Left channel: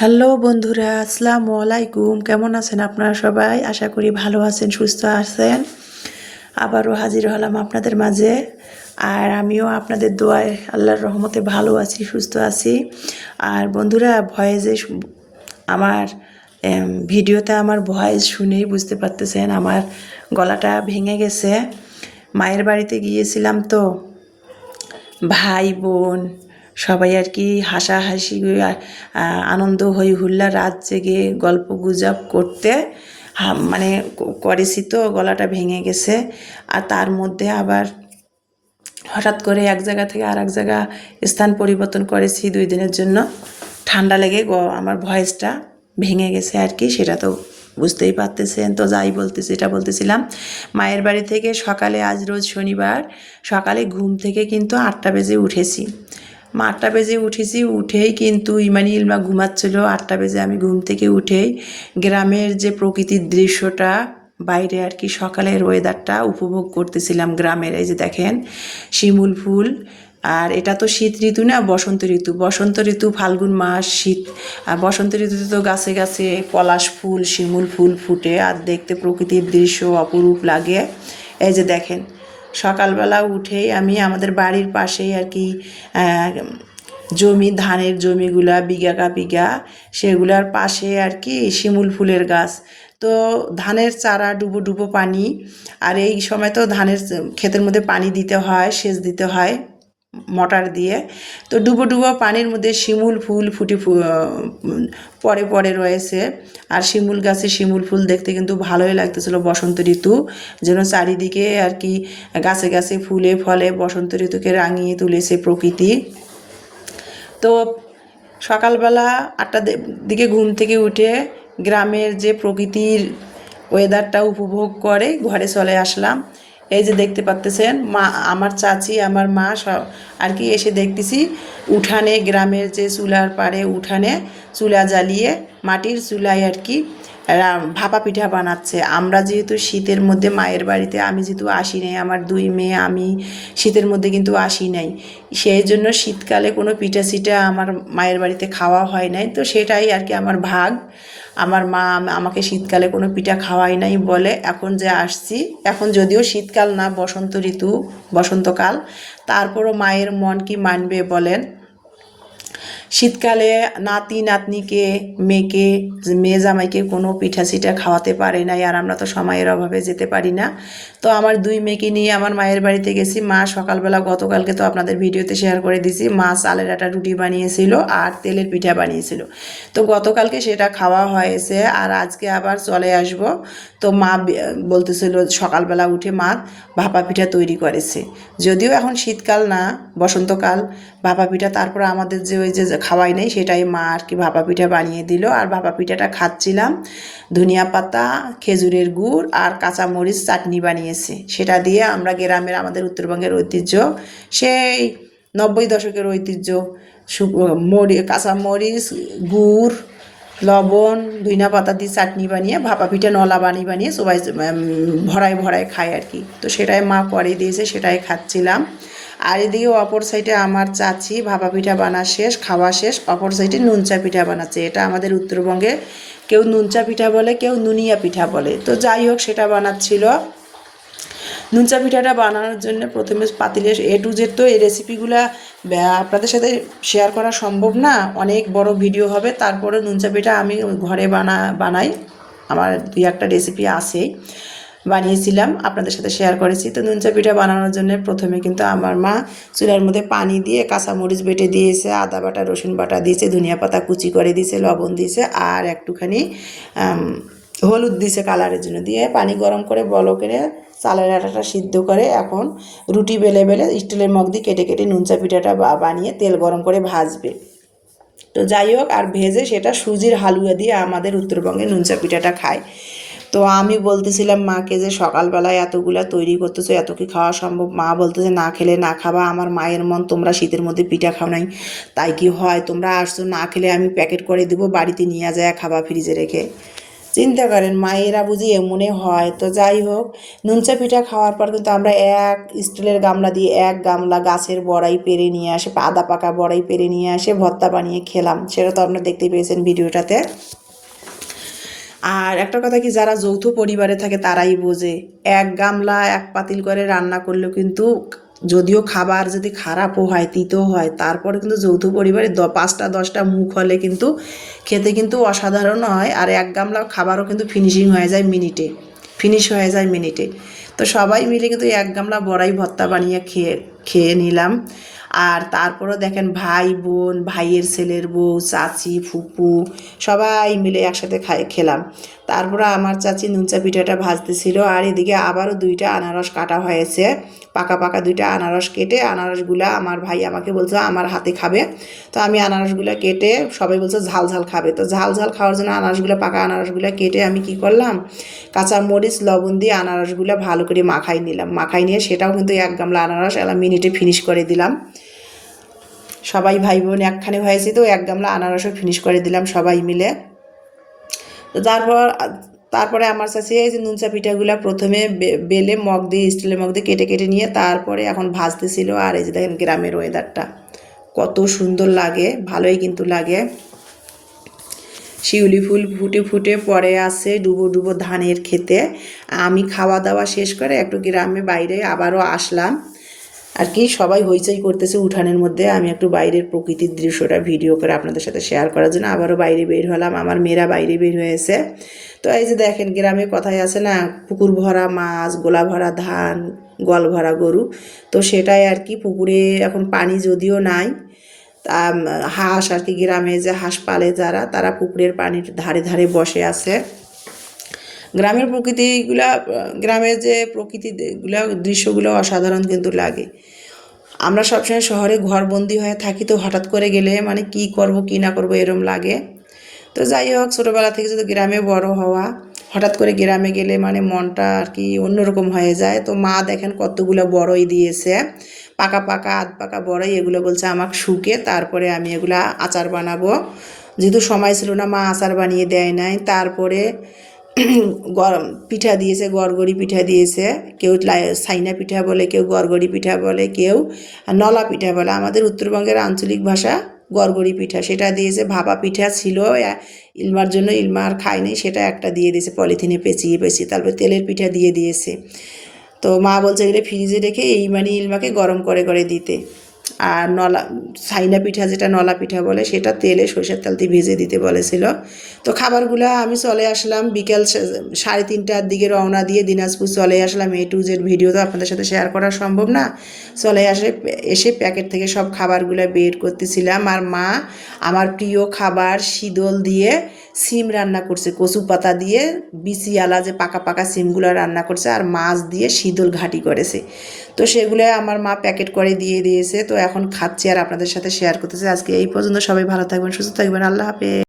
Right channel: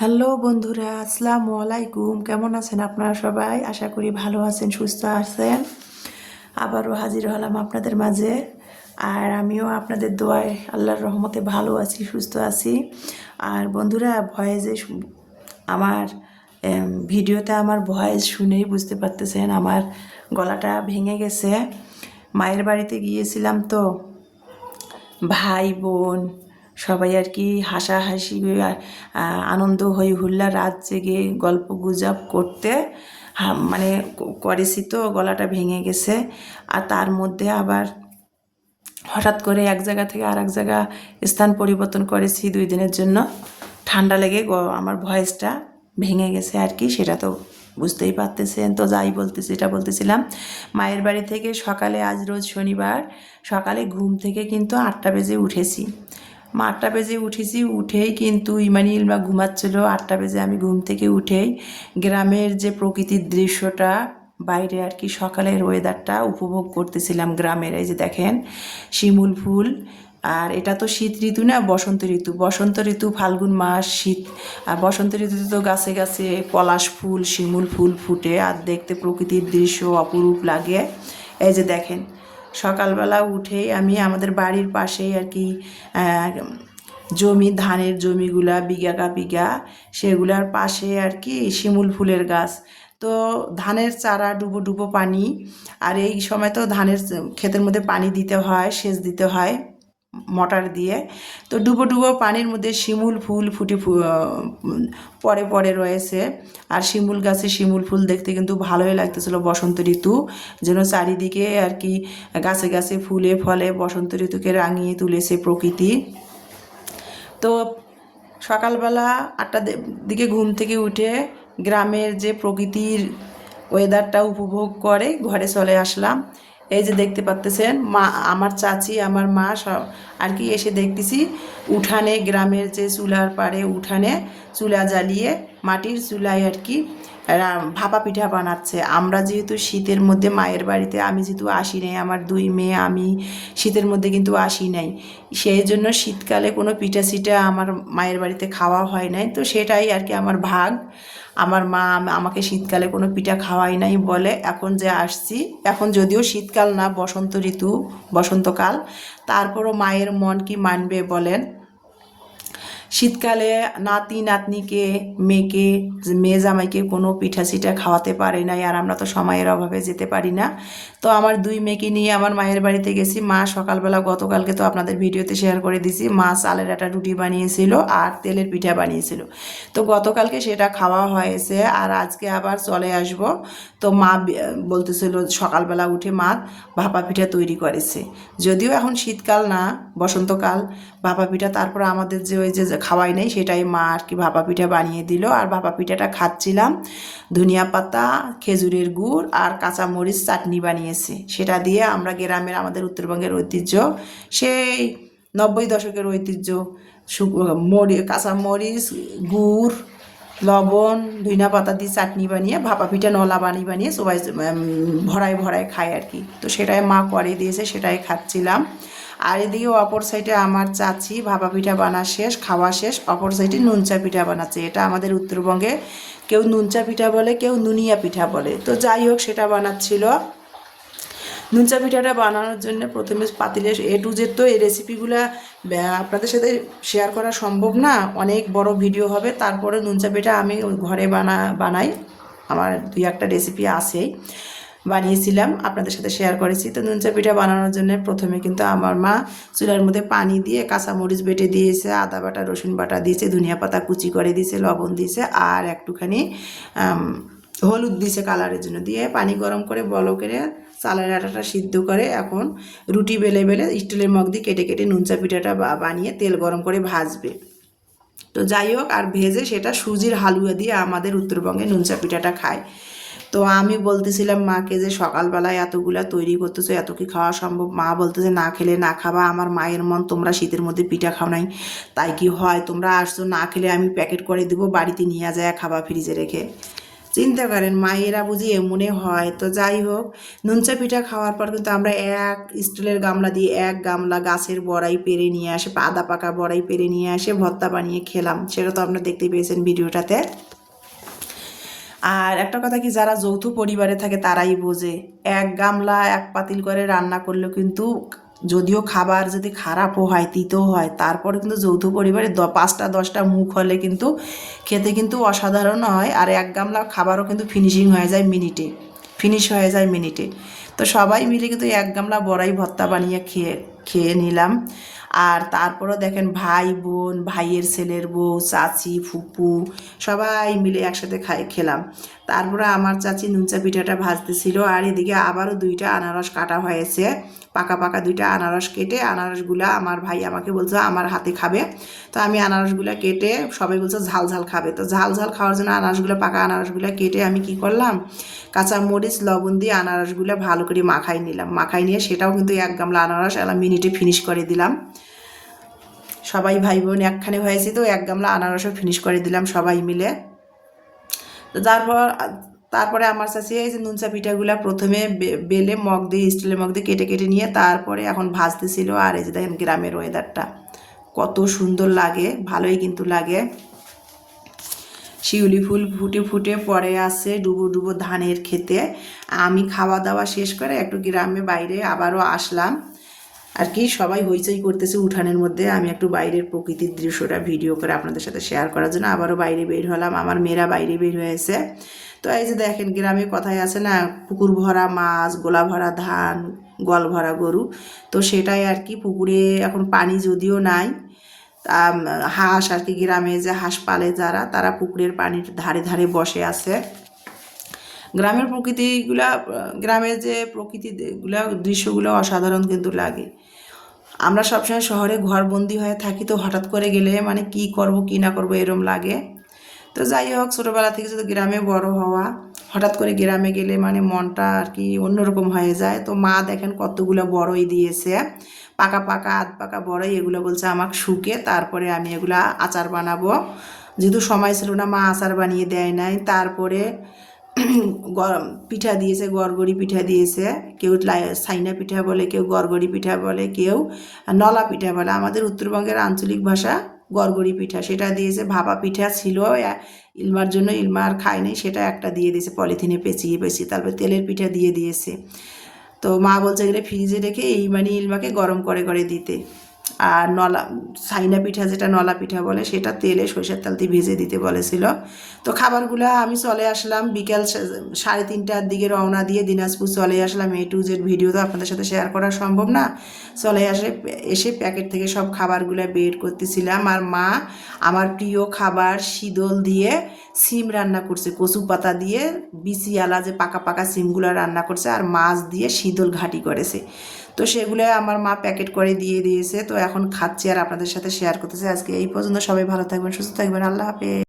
Hello বন্ধুরা, আসসালামু আলাইকুম। কেমন আছেন আপনারা সবাই? আশা করি ভালো আছেন, সুস্থ আছেন। আবারও হাজির হলাম আপনাদের মাঝে। আর আমিও আপনাদের দোয়ায় আল্লাহর রহমতে ভালো আছি, সুস্থ আছি। আর বন্ধুরা, ভয়েসে আমার ভিডিওতে আমার ভয়েস শুনেই বুঝতে পারতেছেন, আমার গলাটা ভেঙে গেছে। মায়ের বাড়িতে গিয়েছিলাম তো। ভাই বোন সবাই আর কি হাসাহাসি আনন্দ হই হুল্লা রাত জেগে গল্প গুজব করতে। মানে করেছি তো, গলাটা ভেঙে গেছে। আর তার মধ্যে আবার হঠাৎ করে এক জায়গা থেকে আর এক জায়গা স্থান পরিবর্তন করেছি দুই দিনের জন্য। ঠান্ডা লেগে আমার ভয়েসটা ভেঙে গেছে আর কি, সেটা তো বুঝতেই পারতেছেন। তো যাই বলতেছি এটা বলতেছিলাম, মায়ের বাড়ি থেকে সকালে আজ রোজ শনিবার, সকালে ঘুম থেকে কিন্তু আটটা বেজে উঠেছি। মা আটটা বেজে উঠেছি, উঠেই কিন্তু ইমানি ইলমা ঘুমাচ্ছিল। আটটা বেজে আমি ঘুম থেকে উঠেই গ্রামের যে প্রকৃতির দৃশ্যটা, বাইরে আর কি সকালের ওয়েদারটা উপভোগ করতেছিলাম গ্রামের। এই যে দেখেন, শিমুল ফুল। আর এটা তো শীত ঋতু না, বসন্ত ঋতু। বসন্ত ঋতু, ফাল্গুন মাস, শীত। আর বসন্ত ঋতুতে তো গাছে গাছে পলাশ ফুল, শিমুল ফুল ফুটে। আর দেখতে প্রকৃতির দৃশ্য অপরূপ লাগে। এই যে দেখেন সকালবেলা উঠেই আমি আমাদের বাড়ির পাশেই আর কি জমি, ধানের জমিগুলা, বিঘা বিঘা, সেগুলার পাশে আর কি শিমুল ফুলের গাছ। তো ধানের চারা, ডুবো ডুবো পানি, আর এই সময় তো ধানের ক্ষেতের মধ্যে পানি দিতে হয়, সেচ দিতে হয়। মোটর দিয়ে। তো ডুবো ডুবো পানির মধ্যে শিমুল ফুল ফুটে পরে পরে রয়েছে। আর শিমুল গাছে শিমুল ফুল দেখতে কিন্তু ভালোই লাগতেছিল বসন্ত ঋতু, যেন চারিদিকে আর কি গাছে গাছে ফুলে ফলে বসন্ত ঋতুকে রাঙিয়ে তুলেছে প্রকৃতি। তো সকালবেলা আটটা দিকে ঘুম থেকে উঠে গ্রামের যে প্রকৃতির ওয়েদারটা উপভোগ করে, ঘরে চলে আসলাম। এই যে দেখতে পাচ্তেছেন, মা, আমার চাচি, আমার মা, সব, আর কি এসে দেখতেছি, উঠানে, গ্রামের যে চুলার পাড়ে উঠানে চুলা জ্বালিয়ে মাটির চুলায় আর কি ভাপা পিঠা বানাচ্ছে। আমরা যেহেতু শীতের মধ্যে মায়ের বাড়িতে, আমি যেহেতু আসি নাই, আমার দুই মেয়ে, আমি শীতের মধ্যে কিন্তু আসি নাই। সেই জন্য শীতকালে কোনো পিঠা সিঠা আমার মায়ের বাড়িতে খাওয়া হয় নাই। তো সেটাই আর কি আমার ভাগ। আমার মা আমাকে শীতকালে কোনো পিঠা খাওয়াই নাই বলে এখন যে আসছি, এখন যদিও শীতকাল না, বসন্ত ঋতু, বসন্তকাল, তারপরও মায়ের মন কি মানবে বলেন? শীতকালে নাতি, নাতনিকে, মেয়েকে, মেয়ে জামাইকে কোনো পিঠা সিঠা খাওয়াতে পারে নাই আর আমরা তো সময়ের অভাবে যেতে পারি না। তো আমার দুই মেয়েকে নিয়ে আমার মায়ের বাড়িতে গেছি। মা সকালবেলা গতকালকে তো আপনাদের ভিডিওতে শেয়ার করে দিছি। মা চালের একটা রুটি বানিয়েছিল আর তেলের পিঠা বানিয়েছিল। তো গতকালকে সেটা খাওয়া হয়েছে আর আজকে আবার চলে আসব। তো মা বলতেছিল সকালবেলা উঠে মা ভাপা পিঠা তৈরি করেছে। যদিও এখন শীতকাল না, বসন্তকাল, ভাপা পিঠা, তারপরে আমাদের যে ওই যে খাওয়াই নেই, সেটাই মা আর কি ভাপা পিঠা বানিয়ে দিল। আর ভাপা পিঠাটা খাচ্ছিলাম, ধনিয়া পাতা, খেজুরের গুড় আর কাঁচামরিচ চাটনি বানিয়েছে। সেটা দিয়ে আমরা গ্রামের আমাদের উত্তরবঙ্গের ঐতিহ্য, সেই নব্বই দশকের ঐতিহ্য মরি, কাঁচামরিচ, গুড়, লবণ ধইনা পাতা দিয়ে চাটনি বানিয়ে ভাপা পিঠা নলা বানিয়ে বানিয়ে সবাই ভরায় ভরায় খায় আর কি। তো সেটাই মা করে দিয়েছে, সেটাই খাচ্ছিলাম। আর এদিকে অপর সাইডে আমার চাচি ভাপা পিঠা বানা শেষ, খাওয়া শেষ। অপর সাইডে নুনচা পিঠা বানাচ্ছে। এটা আমাদের উত্তরবঙ্গে কেউ নুনচা পিঠা বলে, কেউ নুনিয়া পিঠা বলে। তো যাই হোক, সেটা বানাচ্ছিল। নুনচা পিঠাটা বানানোর জন্য প্রথমে পাতিলে এ টু জেড তো এই রেসিপিগুলো আপনাদের সাথে শেয়ার করা সম্ভব না। অনেক বড় ভিডিও হবে। তারপরে নুনচা পিঠা আমি ঘরে বানা, বানাই। আমার দুই একটা রেসিপি আছেই। বানিয়েছিলাম, আপনাদের সাথে শেয়ার করেছি। তো নুনচা পিঠা বানানোর জন্য প্রথমে কিন্তু আমার মা চুলার মধ্যে পানি দিয়ে কাঁচামরিচ বেটে দিয়েছে, আদা বাটা, রসুন বাটা দিয়েছে, ধনিয়া পাতা কুচি করে দিয়েছে, লবণ দিয়েছে আর একটুখানি হলুদ দিছে কালারের জন্য। দিয়ে পানি গরম করে বলকের চালের আটাটা সিদ্ধ করে এখন রুটি বেলে বেলে স্টিলের মগ দিয়ে কেটে কেটে নুনচা পিঠাটা বানিয়ে তেল গরম করে ভাজবে। তো যাই হোক, আর ভেজে সেটা সুজির হালুয়া দিয়ে আমাদের উত্তরবঙ্গে নুনচা পিঠাটা খায়। তো আমি বলতেছিলাম মাকে যে সকালবেলায় এতগুলা তৈরি করতেছো, এত কি খাওয়া সম্ভব? মা বলতেছে, না খেলে না খাবা, আমার মায়ের মন, তোমরা শীতের মধ্যে পিঠা খাও নাই। তাই কি হয়? তোমরা আসছো, না খেলে আমি প্যাকেট করে দিব, বাড়িতে নিয়ে যায়, খাবা ফ্রিজে রেখে। চিন্তা করেন, মায়েরা বুঝি এমনে হয়। তো যাই হোক, নুনচা পিঠা খাওয়ার পর কিন্তু আমরা এক স্টিলের গামলা দিয়ে এক গামলা গাছের বড়াই পেরে নিয়ে আসে, আদা পাকা বড়াই পেরে নিয়ে আসে, ভর্তা বানিয়ে খেলাম। সেটা তো আপনারা দেখতে পেয়েছেন ভিডিওটাতে। আর একটা কথা কি, যারা যৌথ পরিবারে থাকে তারাই বোঝে। এক গামলা, এক পাতিল করে রান্না করলেও কিন্তু যদিও খাবার যদি খারাপও হয় তিতো হয়, তারপরে কিন্তু যৌথ পরিবারে দ, পাঁচটা, দশটা মুখ হলে কিন্তু খেতে কিন্তু অসাধারণ হয়। আর এক গামলা খাবারও কিন্তু ফিনিশিং হয়ে যায় মিনিটে ফিনিশ হয়ে যায় মিনিটে। তো সবাই মিলে কিন্তু এক গামলা বড়াই ভর্তা বানিয়ে খেয়ে খেয়ে নিলাম। আর তারপরও দেখেন ভাই, বোন, ভাইয়ের ছেলের বউ, চাচি, ফুপু, সবাই মিলে একসাথে খাই খেলাম। তারপরে আমার চাচি নুনচা পিঠাটা ভাজতেছিল আর এদিকে আবারও দুইটা আনারস কাটা হয়েছে। পাকা পাকা দুইটা আনারস কেটে আনারসগুলা আমার ভাই আমাকে বলছে, আমার হাতে খাবে। তো আমি আনারসগুলো কেটে সবাই বলছে, ঝাল ঝাল খাবে। তো ঝাল ঝাল খাওয়ার জন্য আনারসগুলো, পাকা আনারসগুলো কেটে আমি কি করলাম কাঁচা মরিচ লবণ দিয়ে আনারসগুলো ভালো করে মাখাই নিলাম। মাখাই নিয়ে সেটাও কিন্তু এক গামলা আনারস এলাম মিনিটে ফিনিশ করে দিলাম। সবাই ভাই বোন একখানে হয়েছে তো, এক গামলা আনারসও ফিনিশ করে দিলাম সবাই মিলে। তো তারপর, তারপরে আমার কাছে এই যে নুনচা পিঠাগুলা প্রথমে বেলে, মগ দিয়ে, স্টিলের মগ দিয়ে কেটে কেটে নিয়ে তারপরে এখন ভাজতেছিল আর এই যে দেখেন গ্রামের ওয়েদারটা কত সুন্দর লাগে, ভালোই কিন্তু লাগে। শিউলি ফুল ফুটে ফুটে পড়ে আছে ডুবো ডুবো ধানের খেতে। আমি খাওয়া দাওয়া শেষ করে একটু গ্রামে বাইরে আবারও আসলাম। আর কি, সবাই হইচই করতেছে উঠানের মধ্যে। আমি একটু বাইরের প্রকৃতির দৃশ্যটা ভিডিও করে আপনাদের সাথে শেয়ার করার জন্য আবারও বাইরে বের হলাম। আমার মেয়েরা বাইরে বের হয়েছে। তো এই যে দেখেন, গ্রামে কথাই আছে না, পুকুর ভরা মাছ, গোলা ভরা ধান গল ভরা গরু। তো সেটাই আর কি, পুকুরে এখন পানি যদিও নাই তা হাঁস আর কি, গ্রামে যে হাঁস পালে যারা, তারা পুকুরের পানির ধারে ধারে বসে আছে। গ্রামের প্রকৃতিগুলা গ্রামের যে প্রকৃতিগুলা, দৃশ্যগুলো অসাধারণ কিন্তু লাগে। আমরা সবসময় শহরে ঘরবন্দি হয়ে থাকি তো হঠাৎ করে গেলে মানে কি করব, কি না করব এরম লাগে। তো যাই হোক, ছোটোবেলা থেকে যদি গ্রামে বড় হওয়া, হঠাৎ করে গ্রামে গেলে মানে মনটা আর কি অন্যরকম হয়ে যায়। তো মা দেখেন কতগুলো বড়ই দিয়েছে, পাকা পাকা, আধ পাকা বড়ই, এগুলো বলছে আমাকে শুকে, তারপরে আমি এগুলা আচার বানাবো। যেহেতু সময় ছিল না, মা আচার বানিয়ে দেয় নাই, তারপরে গরম পিঠা দিয়েছে, গড়গড়ি পিঠা দিয়েছে, কেউ সাইনা পিঠা বলে, কেউ গড়গড়ি পিঠা বলে, কেউ নলা পিঠা বলে। আমাদের উত্তরবঙ্গের আঞ্চলিক ভাষা গড়গড়ি পিঠা। সেটা দিয়েছে, ভাপা পিঠা ছিল ইলমার জন্য ইলমা আর খায়নি সেটা একটা দিয়ে দিয়েছে, পলিথিনে পেঁচিয়ে পেঁচিয়ে, তারপরে তেলের পিঠা দিয়ে দিয়েছে। তো মা বলছে, এগুলো ফ্রিজে রেখে এই মানে ইলমাকে গরম করে করে দিতে। আর নলা, সাইনা পিঠা যেটা নলা পিঠা বলে, সেটা তেলে সরষের তেল দিয়ে ভেজে দিতে বলেছিল। তো খাবারগুলো আমি চলে আসলাম বিকেল সাড়ে তিনটার দিকে রওনা দিয়ে দিনাজপুর চলে আসলাম। এ টু জেড ভিডিও তো আপনাদের সাথে শেয়ার করা সম্ভব না। চলে আসে, এসে প্যাকেট থেকে সব খাবারগুলো বের করতেছিলাম। আর মা আমার প্রিয় খাবার শীতল দিয়ে সিম রান্না করছে, কচু পাতা দিয়ে বিচিয়ালা যে পাকা পাকা সিমগুলো রান্না করছে, আর মাছ দিয়ে শীতল ঘাটি করেছে। তো সেগুলো আমার মা প্যাকেট করে দিয়ে দিয়েছে। তো এখন খাচ্ছি আর আপনাদের সাথে শেয়ার করতেছে। আজকে এই পর্যন্ত সবাই ভালো থাকবেন, সুস্থ থাকবেন। আল্লাহ হাফেজ।